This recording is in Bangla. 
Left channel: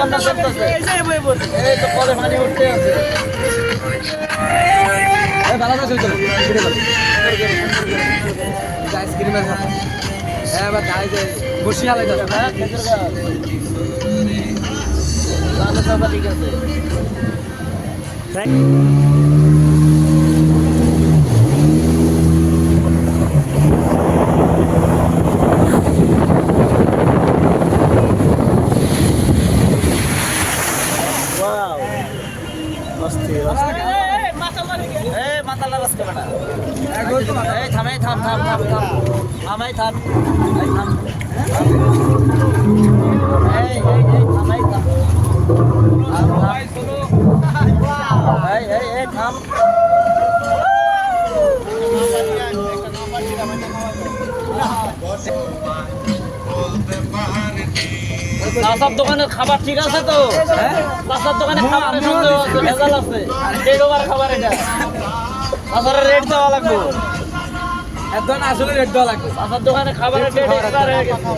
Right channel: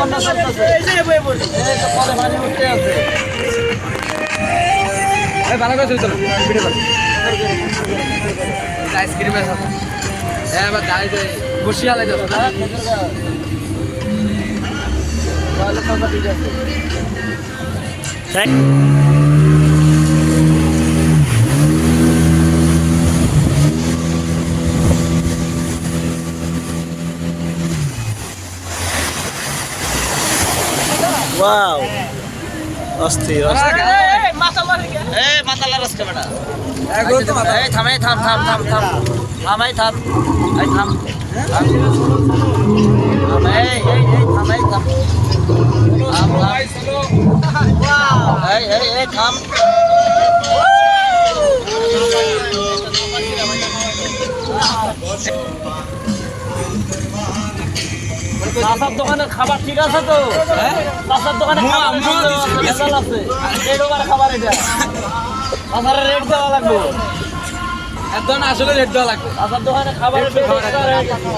বান্না চলতেছে এই তো পরে পানি উঠতে আছে এই বানাটা চলতে আইসক্রিম আছে এবার দাঁড়াই যায় বসি আলাই দাও হ্যাঁ খেতের গাছ তাহলে সব ঠিক আছে Wow. Ostri. মাতালা রাস্তা বেটা এই থাম থাম এই থাম এই থাম চাষার দোকানের খাবার ঠিক আছে তো চাষার দোকানে আছে খাবার এটা চাষারের রেট দেওয়া লাগবে একদম আসলে রেট দেওয়া লাগবে চাষার দোকানে খাবারের রেট এক্সট্রা হয়ে গেছে